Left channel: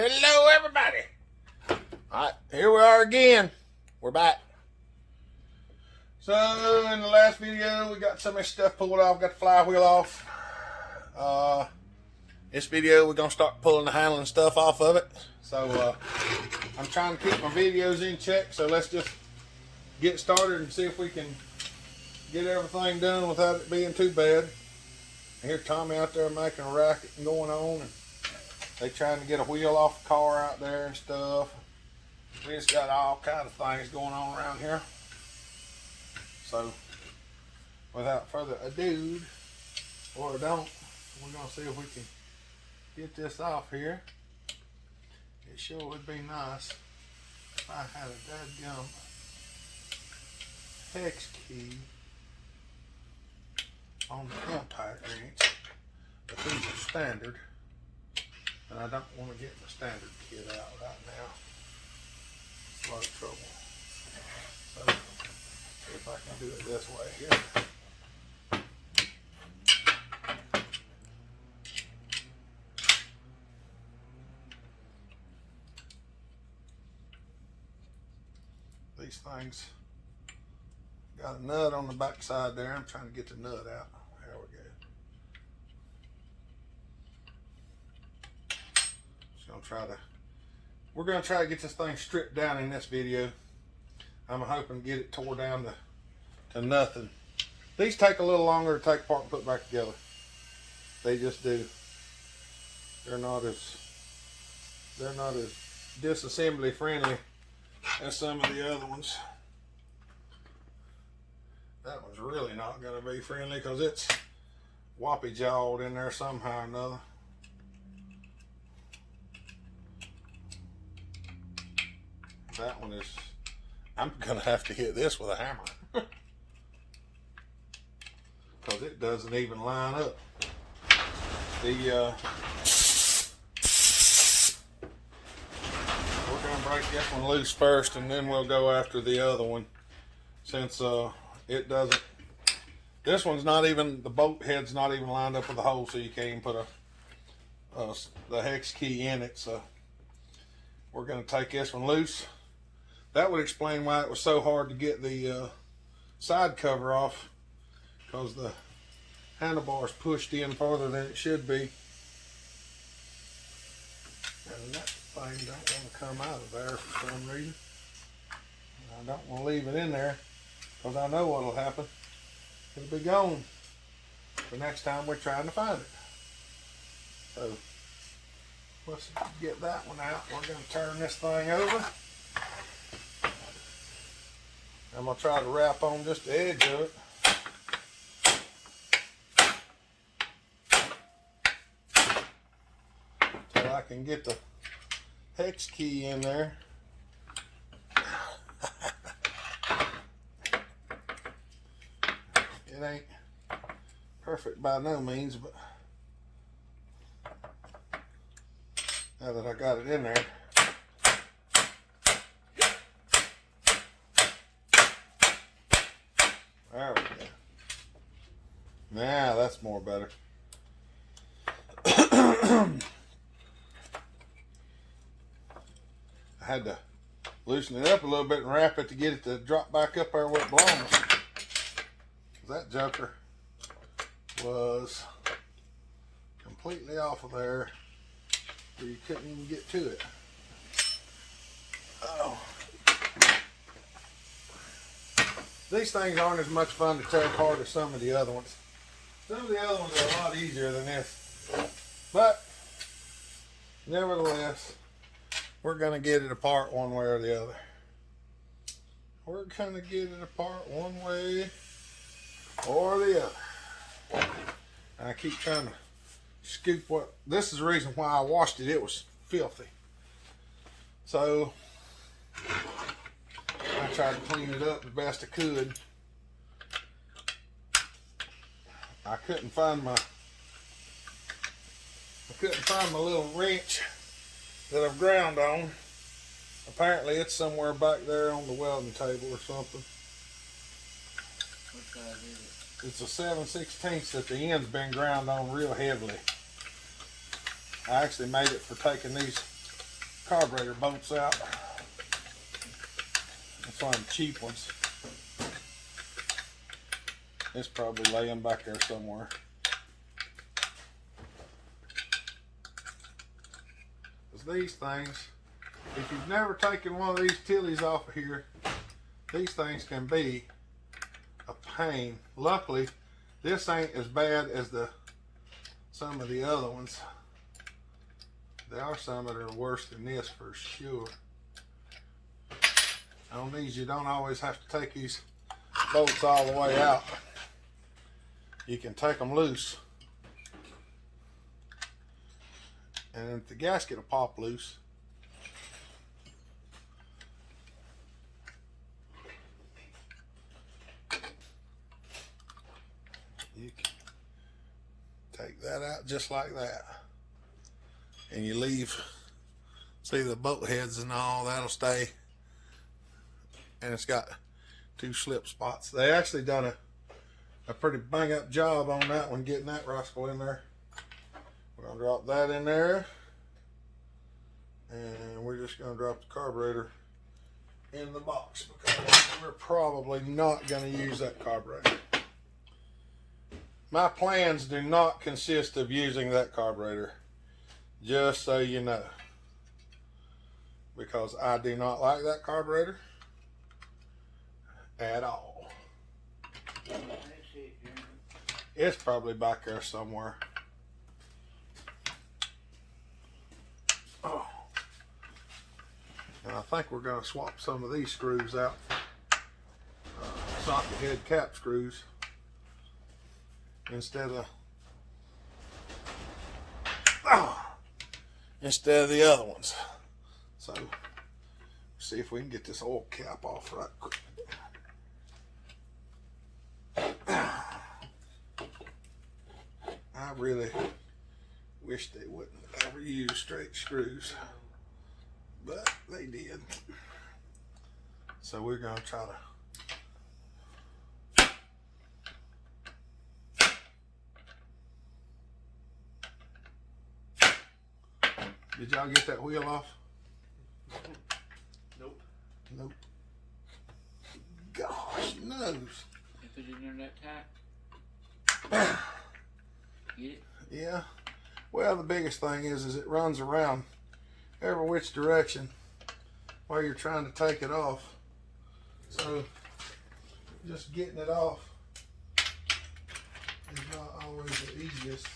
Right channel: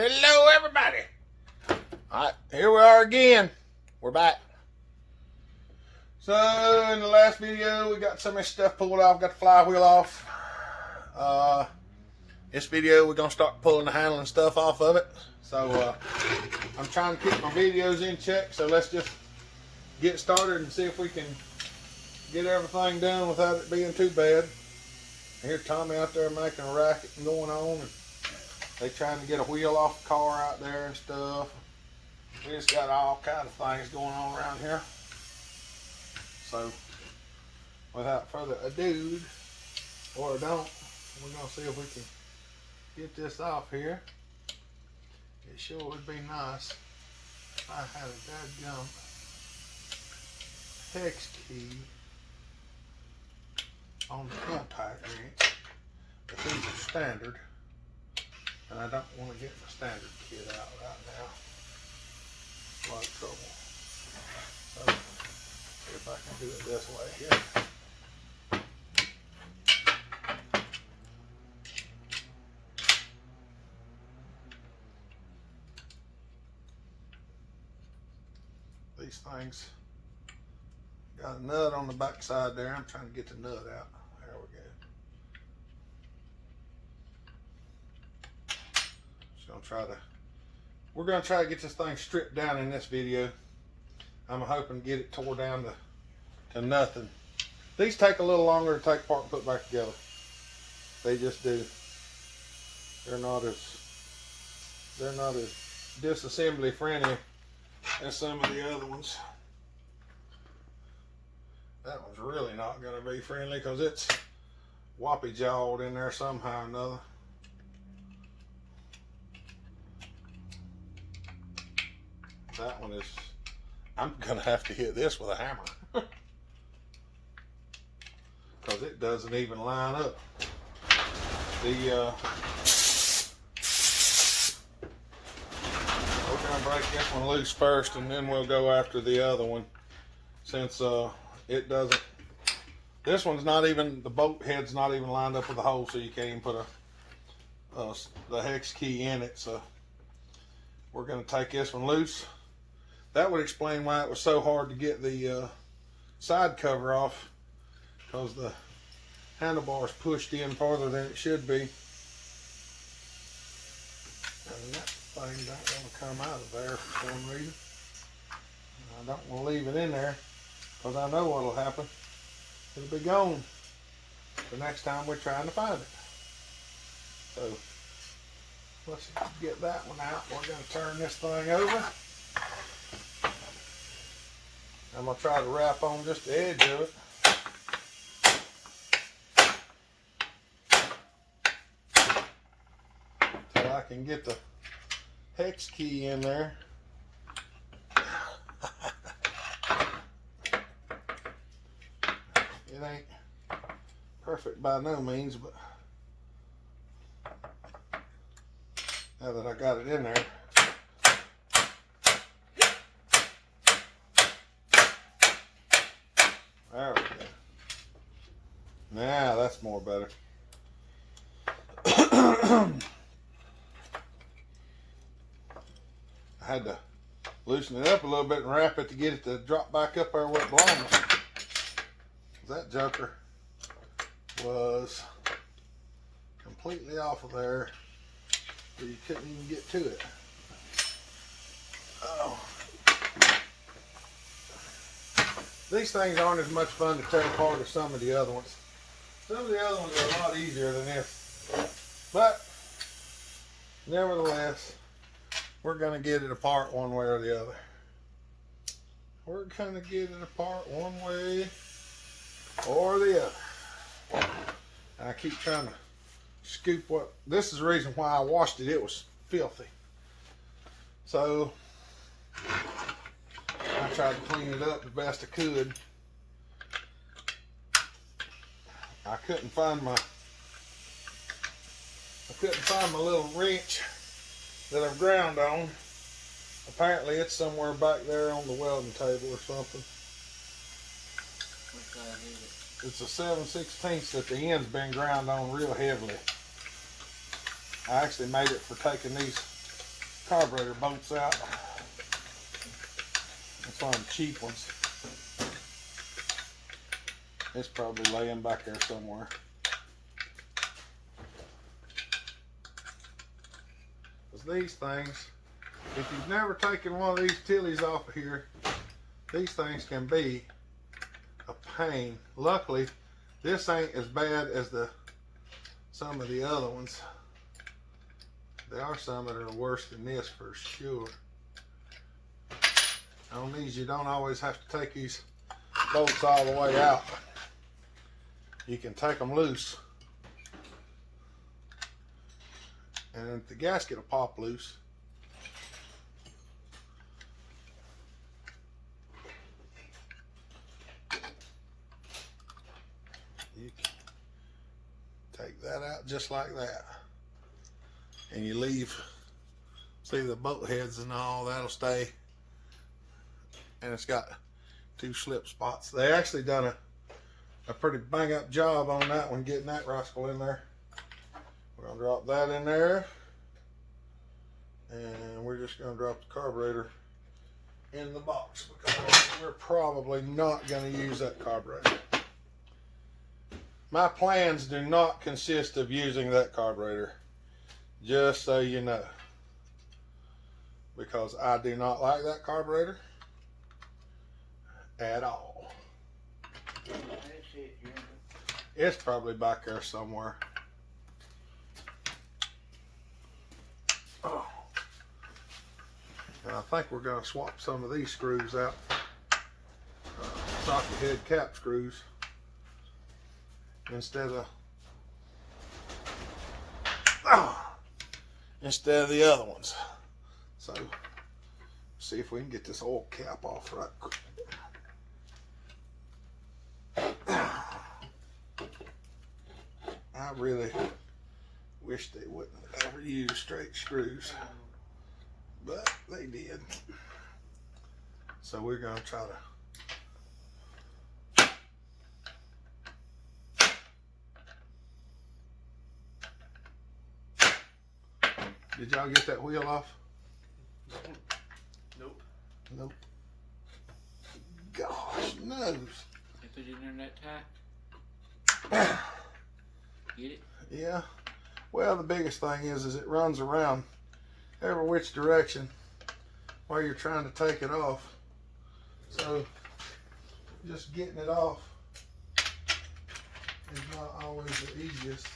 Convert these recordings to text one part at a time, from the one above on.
Hello, everybody. All right, here we are again. We're back. So, in the last video, we got some of this stuff pulled off, got the flywheel off. This video, we're going to start pulling the handle and stuff off of it. So, I'm trying to keep my videos in check, so let's just get started and see if we can get everything done without it being too bad. Here, Tommy out there making a racket and going on. And they trying to get a wheel off the car out there and stuff. We just got all kind of things going on around here. So, without further ado, or don't, we're going to see if we can get this off here. It sure would be nice if I had a dadgum hex key on the impact wrench. But these are standard, and I don't want to get my standard kit out right now. It's a lot of trouble. So, see if I can do it this way here. These things got a nut on the back side there. I'm trying to get the nut out. There we go. We're gonna try to get this thing stripped down in this video. I'm hoping to get it tore down to nothing. These take a little longer to take apart and put back together. They just do. They're not as disassembly friendly as some of the other ones. That one's really not going to be friendly because it's whoppy jawed in there somehow or another. That one is, I'm going to have to hit this with a hammer because it doesn't even line up. We're going to break this one loose first and then we'll go after the other one, since it doesn't, this one's not even, the bolt head's not even lined up with the hole, so you can't even put the hex key in it. So we're going to take this one loose. That would explain why it was so hard to get the side cover off, because the handlebar's pushed in farther than it should be. And that thing don't want to come out of there for some reason. I don't want to leave it in there because I know what will happen. It'll be gone the next time we're trying to find it. So let's get that one out. We're going to turn this thing over. I'm going to try to wrap on just the edge of it. So I can get the hex key in there. It ain't perfect by no means, but now that I got it in there, there we go. Now that's more better. I had to loosen it up a little bit and wrap it to get it to drop back up there where it belongs. That joker was completely off of there where you couldn't even get to it. Oh. These things aren't as much fun to tear apart as some of the other ones. Some of the other ones are a lot easier than this. But, nevertheless, we're going to get it apart one way or the other. We're going to get it apart one way or the other. I keep trying to scoop what, this is the reason why I washed it. It was filthy. So, I tried to clean it up the best I could. I couldn't find my little wrench that I've ground on. Apparently it's somewhere back there on the welding table or something. It's a 7/16 that the end's been ground on real heavily. I actually made it for taking these carburetor bolts out. That's one of the cheap ones. It's probably laying back there somewhere. Because these things, if you've never taken one of these Tillies off of here, these things can be a pain. Luckily, this ain't as bad as some of the other ones. There are some that are worse than this for sure. On these, you don't always have to take these bolts all the way out. You can take them loose, and the gasket will pop loose. You can take that out just like that, and you leave, see the bolt heads and all, that'll stay. And it's got 2 slip spots. They actually done a pretty bang up job on that one, getting that rascal in there. We're gonna drop that in there, and we're just gonna drop the carburetor in the box because we're probably not gonna use that carburetor. My plans do not consist of using that carburetor, just so you know, because I do not like that carburetor at all. It's probably back there somewhere. Oh. And I think we're going to swap some of these screws out for socket head cap screws instead of the other ones. So see if we can get this oil cap off right quick. I really wish they wouldn't ever use straight screws, but they did. So we're going to try to. Did y'all get that wheel off? Nope. Nope. Gosh, knows. You put it in that tack. Get it? Yeah. Well, the biggest thing is it runs around every which direction while you're trying to take it off. So just getting it off is not always the easiest.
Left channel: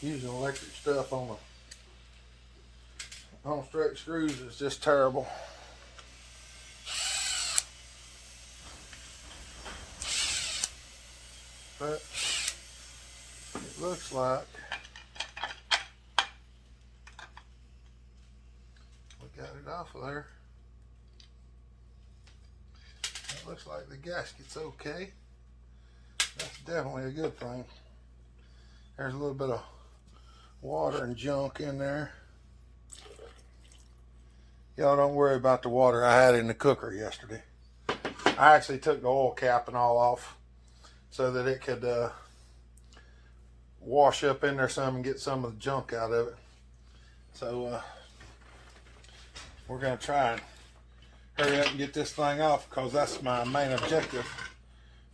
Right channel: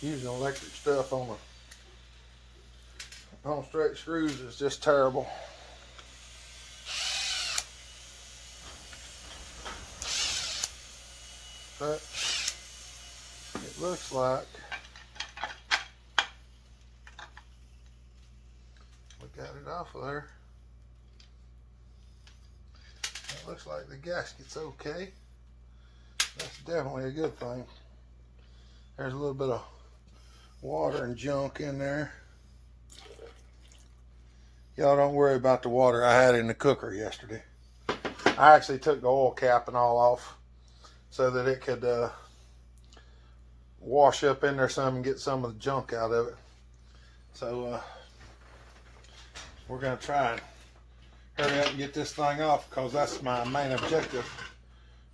Using electric stuff on straight screws is just terrible. But it looks like we got it off of there. It looks like the gasket's okay. That's definitely a good thing. There's a little bit of water and junk in there. Y'all don't worry about the water I had in the cooker yesterday. I actually took the oil cap and all off so that it could wash up in there some and get some of the junk out of it. So we're going to try and hurry up and get this thing off, because that's my main objective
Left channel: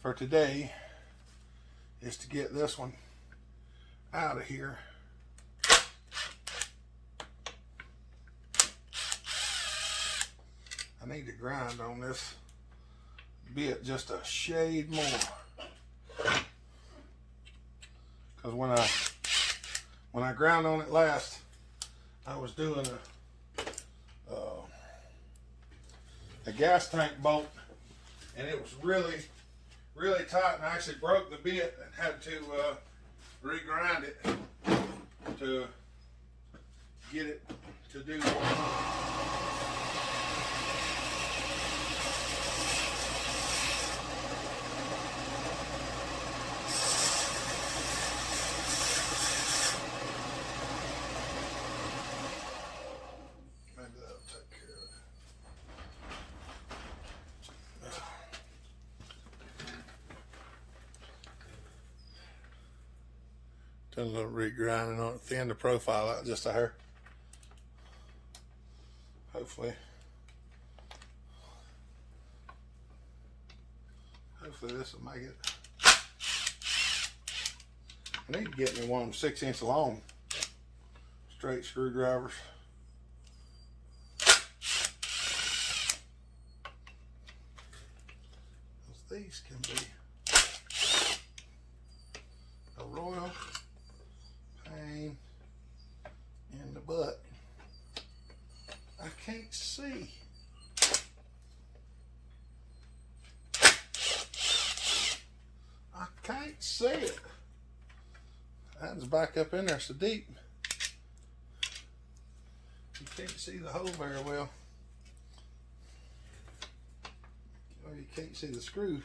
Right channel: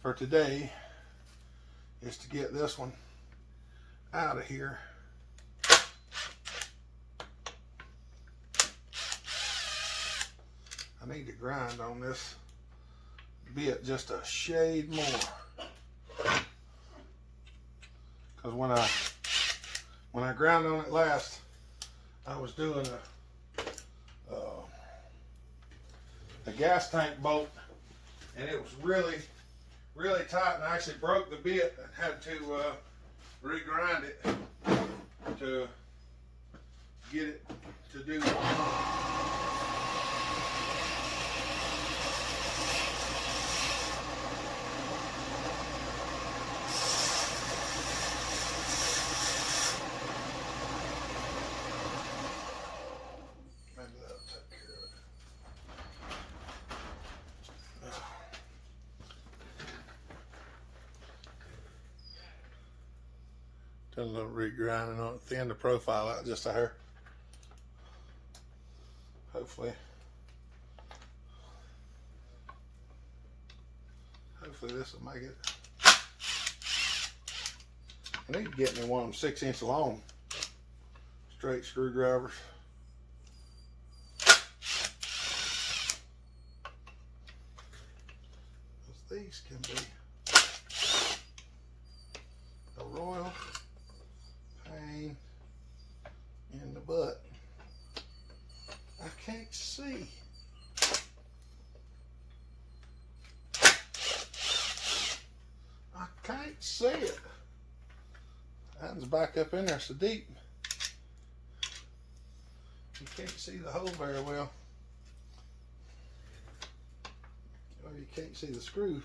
for today, is to get this one out of here. I need to grind on this bit just a shade more, because when I ground on it last, I was doing a gas tank bolt, and it was really tight, and I actually broke the bit and had to regrind it to get it to do it. Maybe that'll take care of it. Been a little regrinding on it, thin the profile out just a hair. Hopefully this will make it. I need to get me one of them 6-inch long straight screwdrivers. These can be a royal pain in the butt. I can't see. I can't see it. That's back up in there so deep. You can't see the hole very well. Well, you can't see the screw.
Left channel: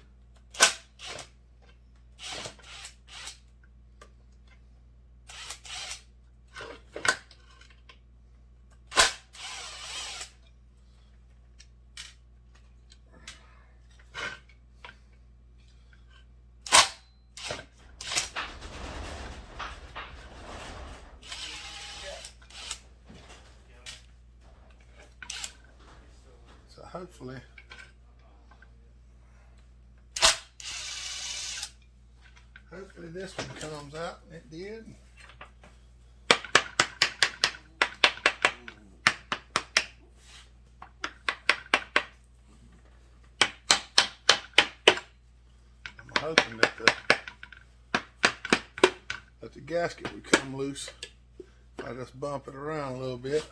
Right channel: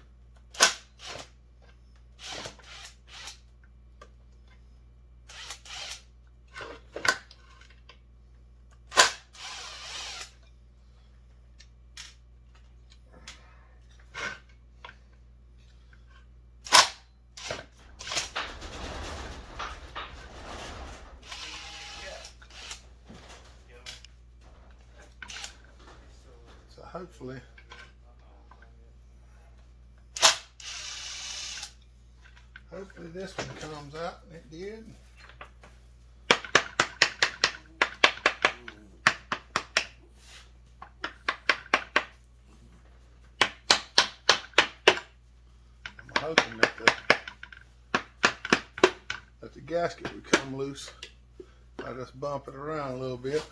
So hopefully this one comes out, and it did. I'm hoping that the gasket would come loose. I just bump it around a little bit,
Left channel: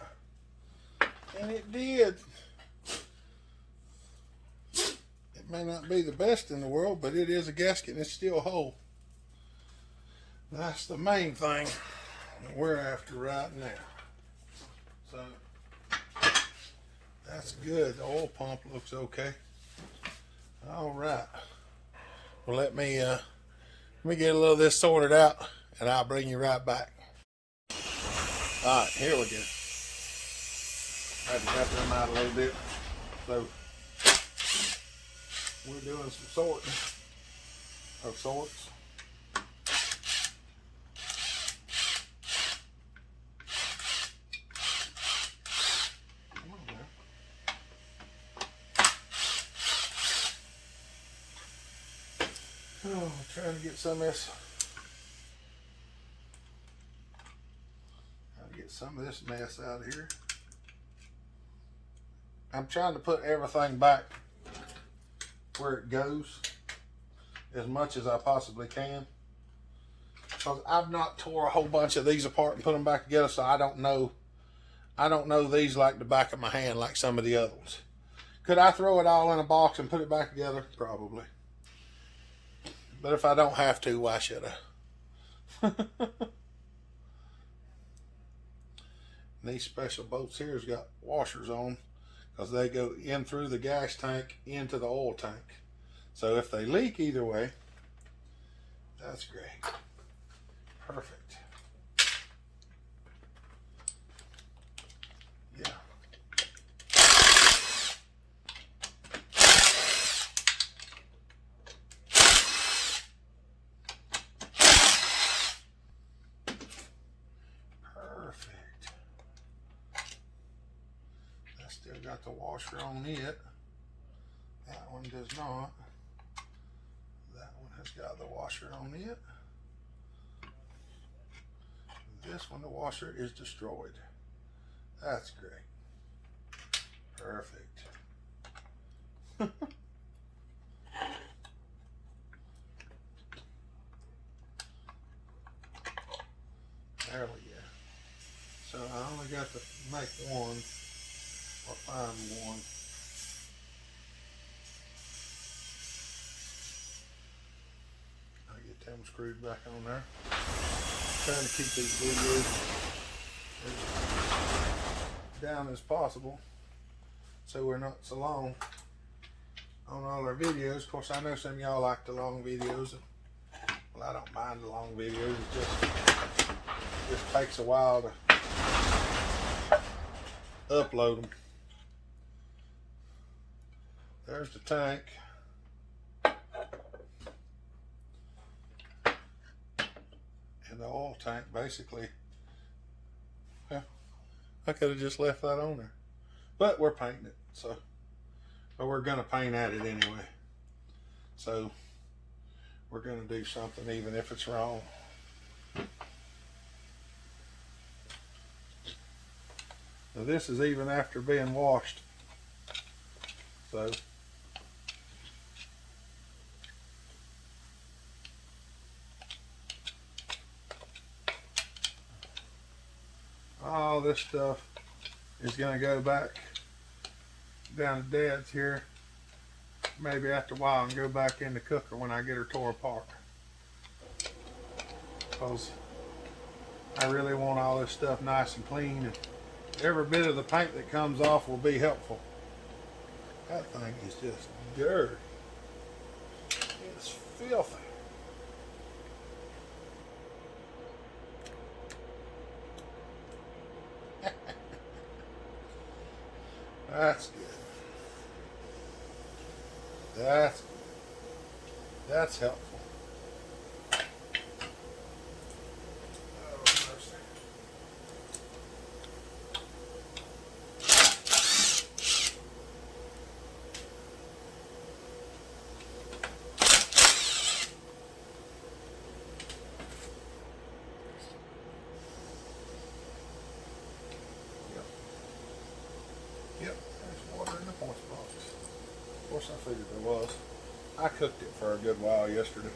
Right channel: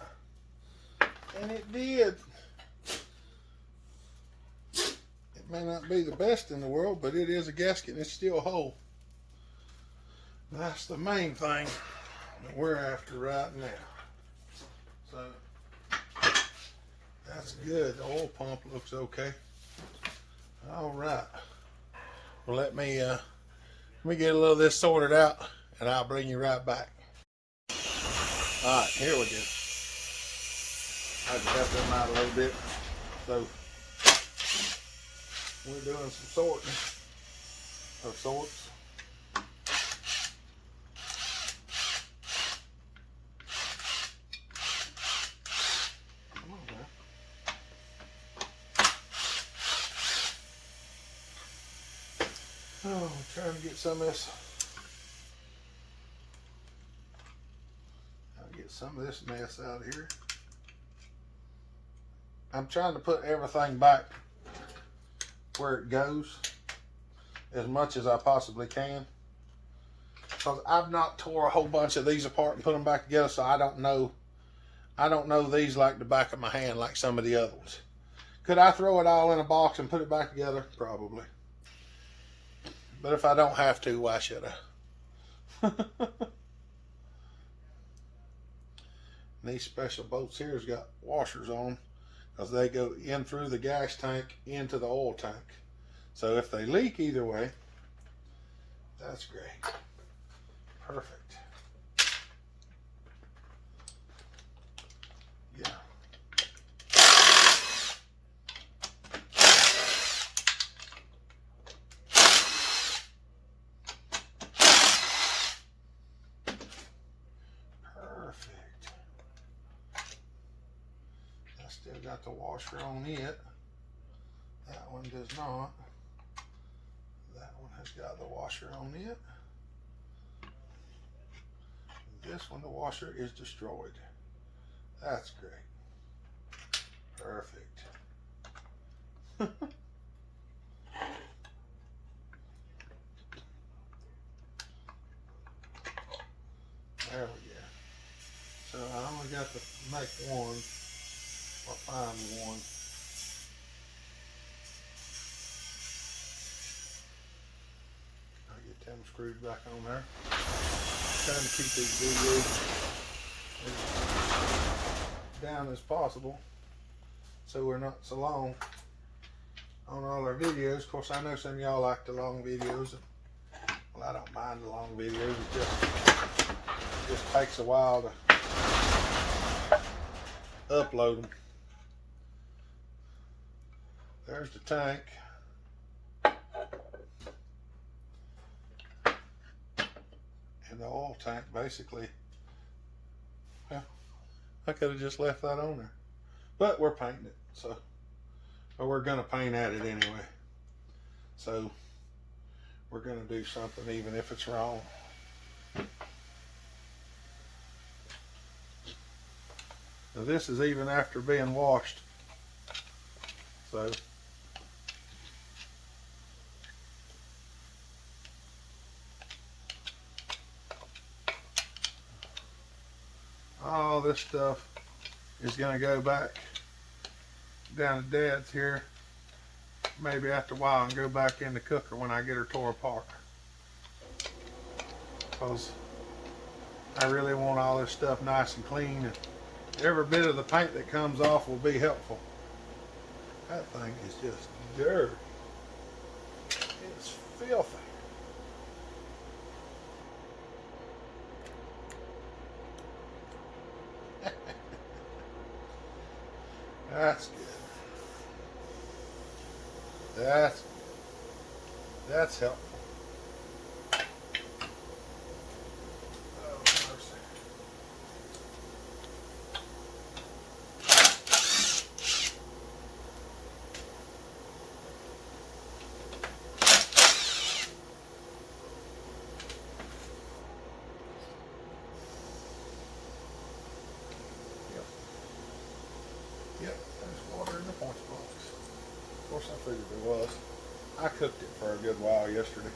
and it did. It may not be the best in the world, but it is a gasket and it's still whole. That's the main thing that we're after right now. So that's good. The oil pump looks okay. All right. Well, let me get a little of this sorted out, and I'll bring you right back. All right, here we go. I can cut them out a little bit. So we're doing some sorting of sorts. Oh, I'm trying to get some of this. Some of this mess out of here. I'm trying to put everything back where it goes as much as I possibly can, because I've not tore a whole bunch of these apart and put them back together, so I don't know these like the back of my hand like some of the other ones. Could I throw it all in a box and put it back together? Probably. But if I don't have to, why should I? These special bolts here has got washers on because they go in through the gas tank into the oil tank. So if they leak either way, that's great. Perfect. Yeah. Still got the washer on it. That one does not. That one has got the washer on it. This one, the washer is destroyed. That's great. Perfect. There we go. So I only got to make one. Or find one. I'll get them screwed back on there. Trying to keep these videos as down as possible so we're not so long on all our videos. Of course, I know some of y'all like the long videos. Well, I don't mind the long videos. It just takes a while to upload them. There's the tank. the oil tank, basically. Yeah, I could have just left that on there. But we're painting it, so, or we're gonna paint at it anyway. So we're gonna do something even if it's wrong. Now this is even after being washed. So all this stuff is going to go back down to Dad's here, maybe after a while, and go back in the cooker when I get her tore apart. Because I really want all this stuff nice and clean, and every bit of the paint that comes off will be helpful. That thing is just dirt. It's filthy. That's good. That's good. That's helpful. Oh, mercy. Yep, there's water in the punch box. Of course, I figured there was. I cooked it for a good while yesterday.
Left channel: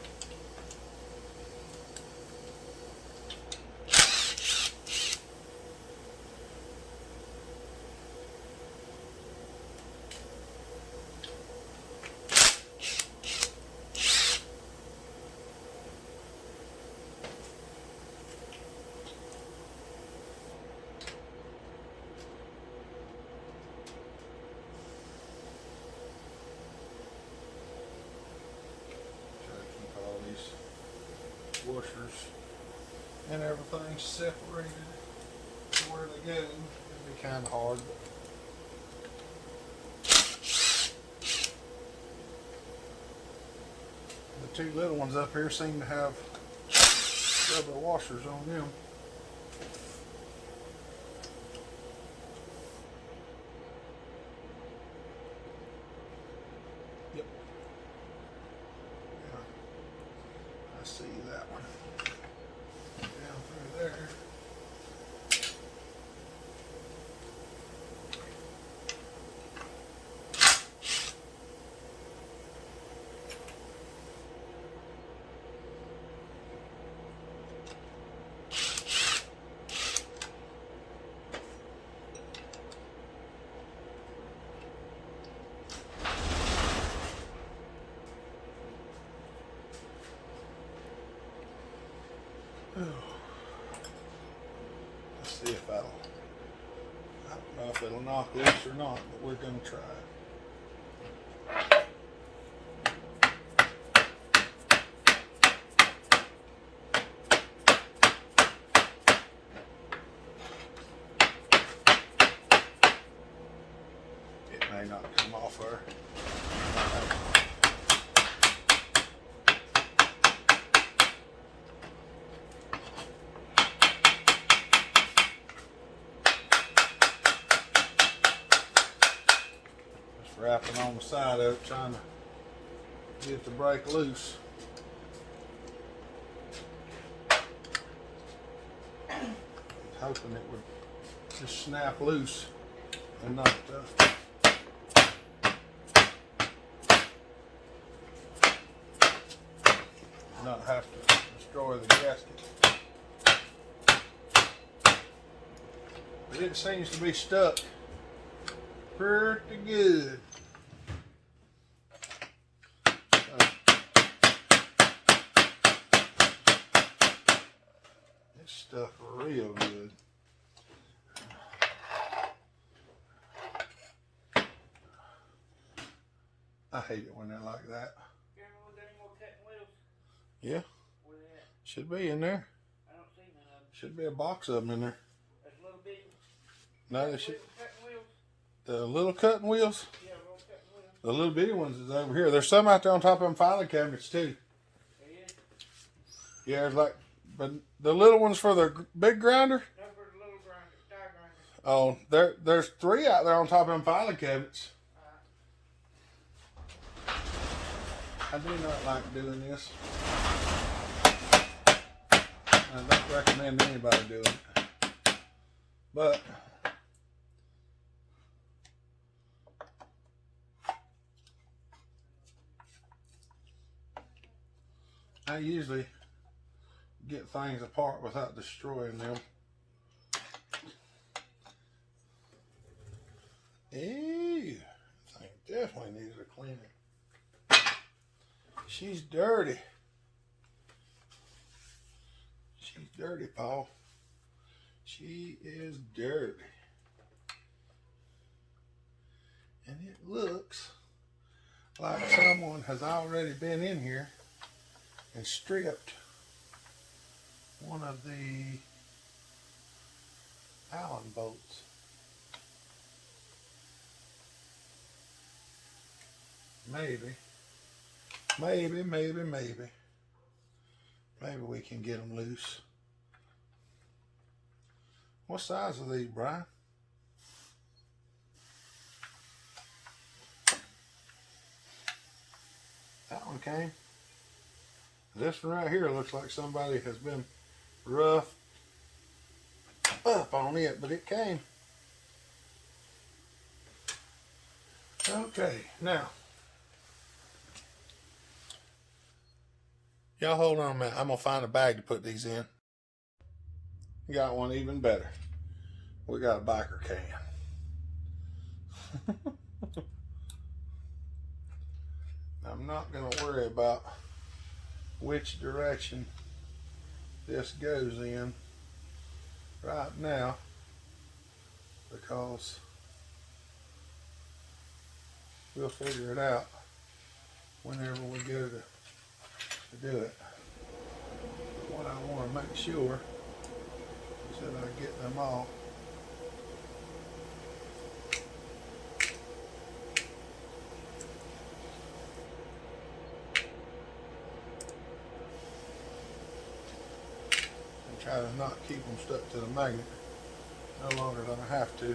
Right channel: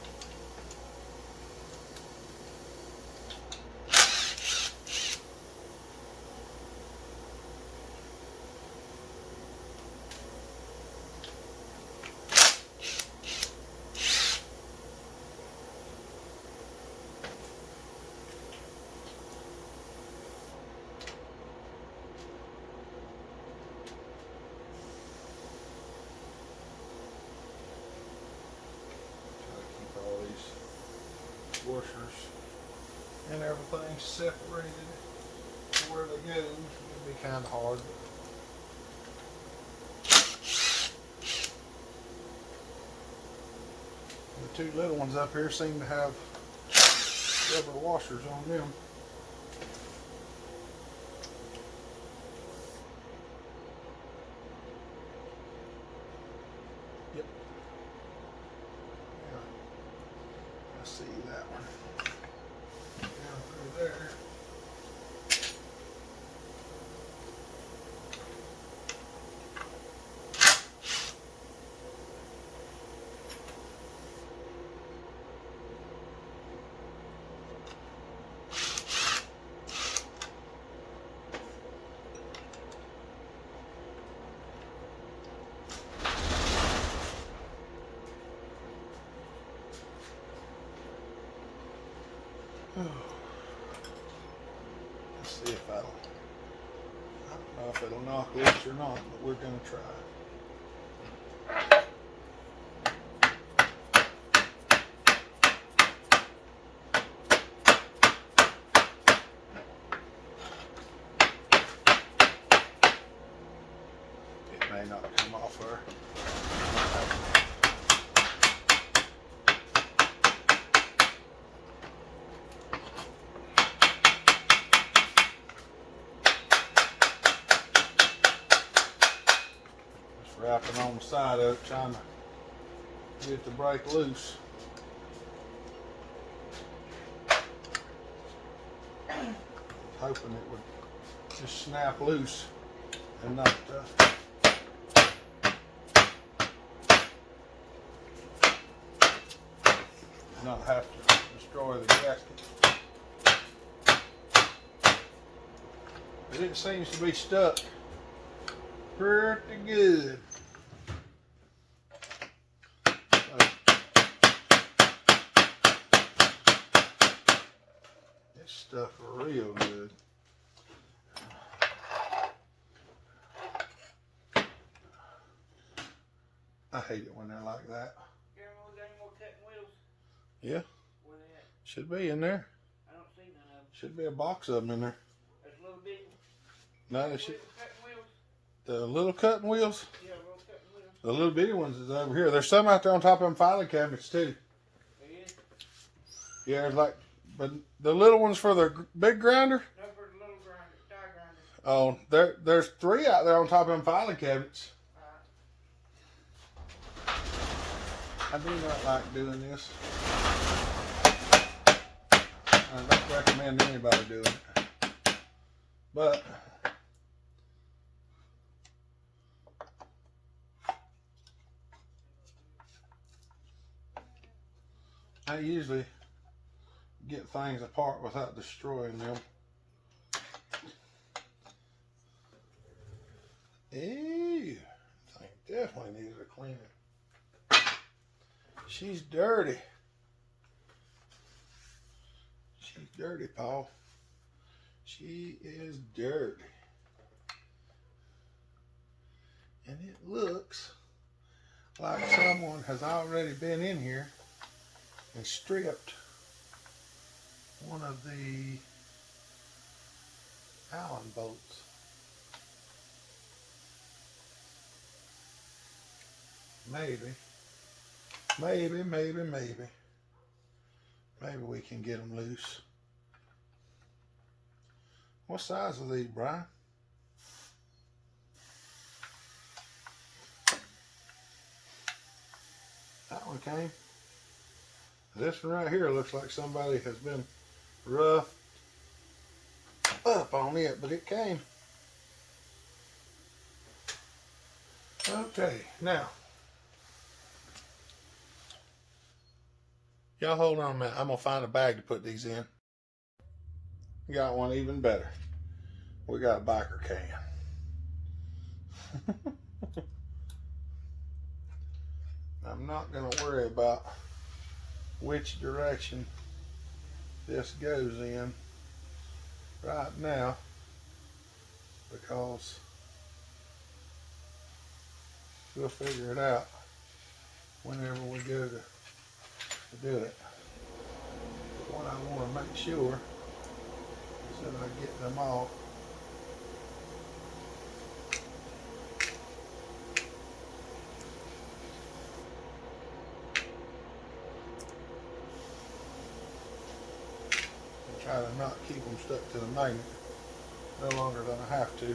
Washers and everything separated to where they go. It'd be kind of hard. The two little ones up here seem to have rubber washers on them. Yep. Yeah. I see that one. Down through there. Let's see if that'll, I don't know if it'll knock loose or not, but we're going to try it. It may not come off there. Wrapping on the side of it, trying to get it to break loose. Hoping it would just snap loose and not have to destroy the gasket. But it seems to be stuck pretty good. It's stuck real good. I hate it when they're like that. Yeah. Should be in there. I don't see none of them. Should be a box of them in there. There's a little bit. No, they should. The little cutting wheels? Yeah, little cutting wheels. The little bitty ones is over here. There's some out there on top of them filing cabinets too. There is? Yeah, there's like But the little ones for the big grinder? No, for the little grinder, die grinder. Oh, there's 3 out there on top of them filing cabinets. I do not like doing this. I don't recommend anybody doing it. But I usually get things apart without destroying them. Ew, I think definitely needs a cleaning. She's dirty. She's dirty, Paul. She is dirty. And it looks like someone has already been in here and stripped one of the Allen bolts. Maybe we can get them loose. What size are these, Brian? That one came. This one right here looks like somebody has been rough up on it, but it came. Okay, now y'all hold on a minute. I'm gonna find a bag to put these in. Got one even better. We got a biker can. I'm not gonna worry about which direction this goes in right now, because we'll figure it out whenever we go to do it. But what I want to make sure is that I get them all and try to not keep them stuck to the magnet no longer than I have to.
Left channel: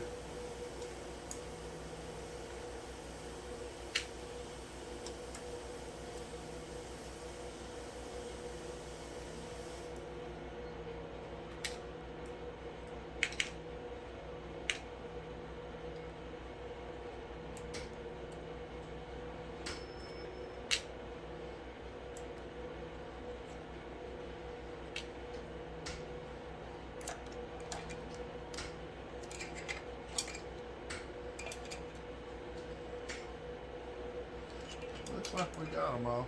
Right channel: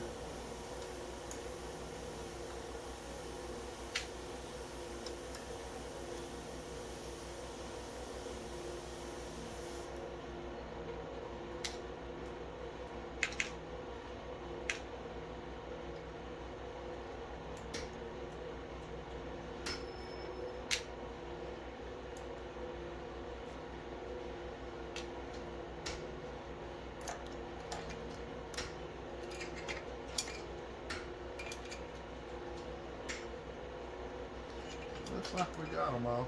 Looks like we got them all.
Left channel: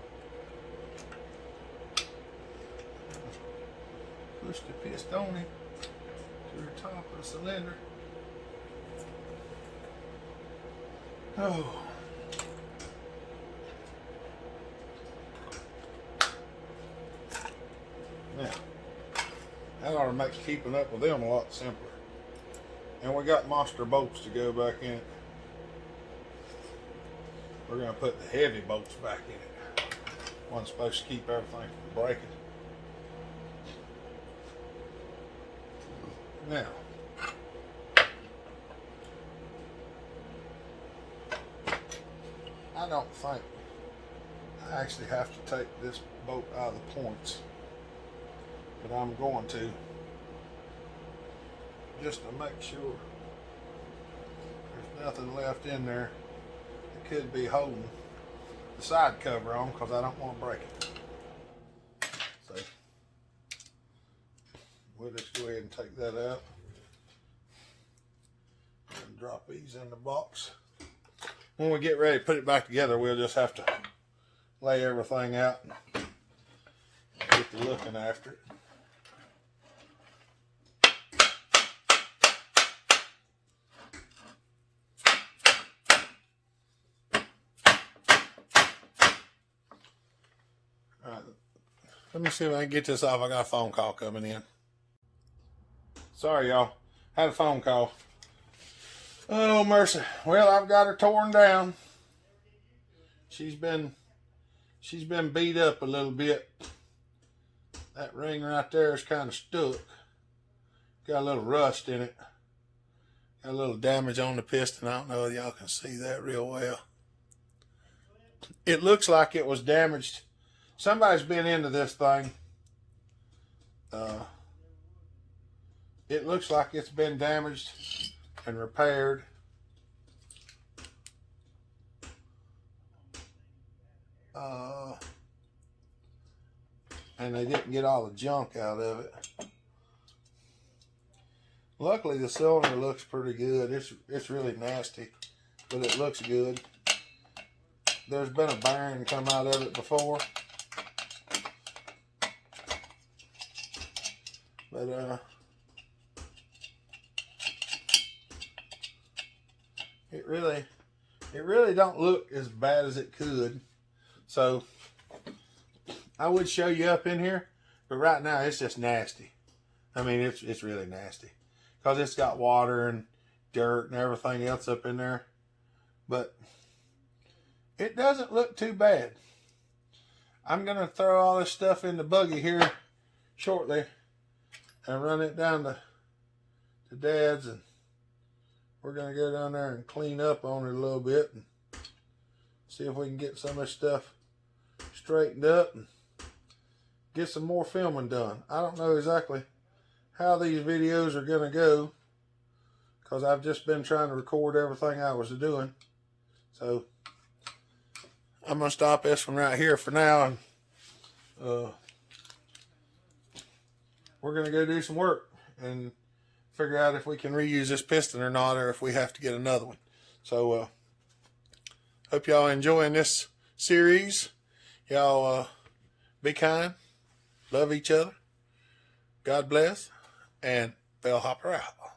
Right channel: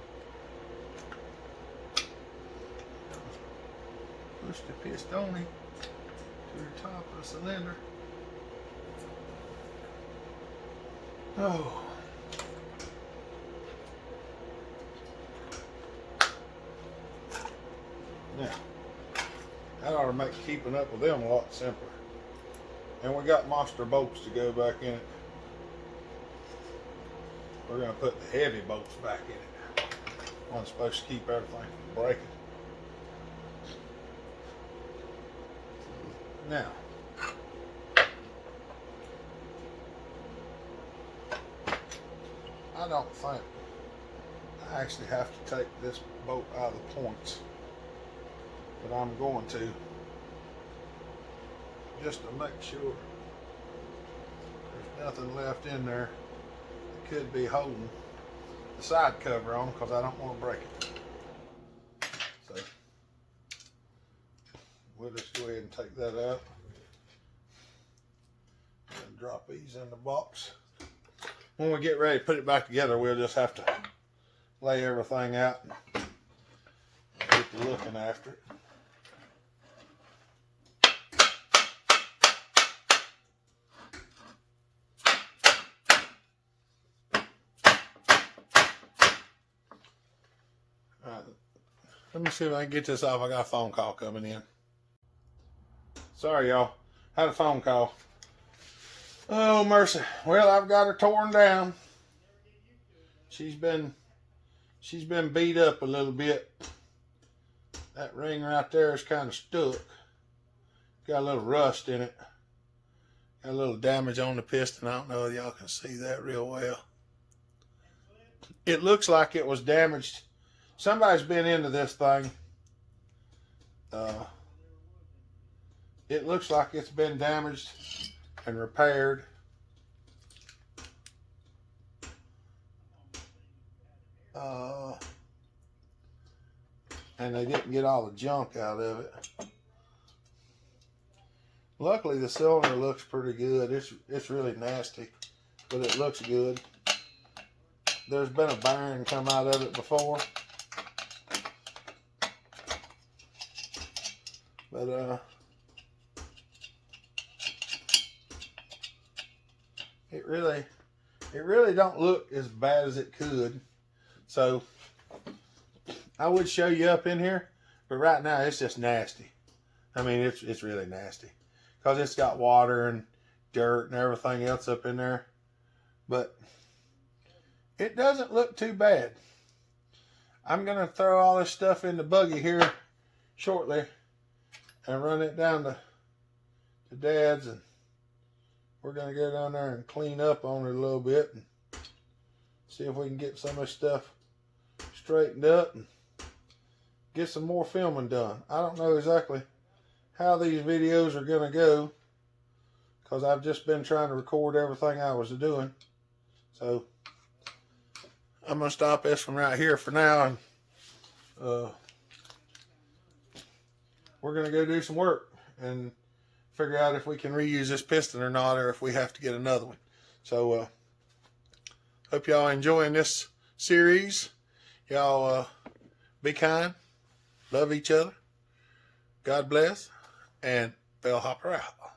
Push the piston to the top of the cylinder. Oh. Now, that ought to make keeping up with them a lot simpler. And we got monster bolts to go back in it. We're going to put the heavy bolts back in it. One's supposed to keep everything from breaking. Now, I don't think I actually have to take this bolt out of the points, but I'm going to, just to make sure there's nothing left in there that could be holding the side cover on, because I don't want to break it. So we'll just go ahead and take that out and drop these in the box. When we get ready to put it back together, we'll just have to lay everything out and get to looking after it. Let me see if I can get this off. I got a phone call coming in. Sorry, y'all. Had a phone call. Oh, mercy. Well, I've got her torn down. She's been beat up a little bit. That ring right there is kind of stuck. Got a little rust in it. Got a little damage on the piston. I don't know if y'all can see that real well. It looks like it was damaged. Somebody's been into this thing. It looks like it's been damaged and repaired. And they didn't get all the junk out of it. Luckily, the cylinder looks pretty good. It's really nasty, but it looks good. There's been a bearing come out of it before, but it really don't look as bad as it could. So I would show you up in here, but right now it's just nasty. I mean, it's really nasty because it's got water and dirt and everything else up in there. But it doesn't look too bad. I'm going to throw all this stuff in the buggy here shortly and run it down to Dad's, and we're going to go down there and clean up on it a little bit and see if we can get some of this stuff straightened up and get some more filming done. I don't know exactly how these videos are going to go because I've just been trying to record everything I was doing. So I'm going to stop this one right here for now, and we're going to go do some work and figure out if we can reuse this piston or not, or if we have to get another one. So hope y'all enjoying this series. Y'all be kind, love each other, God bless, and Bellhopper out.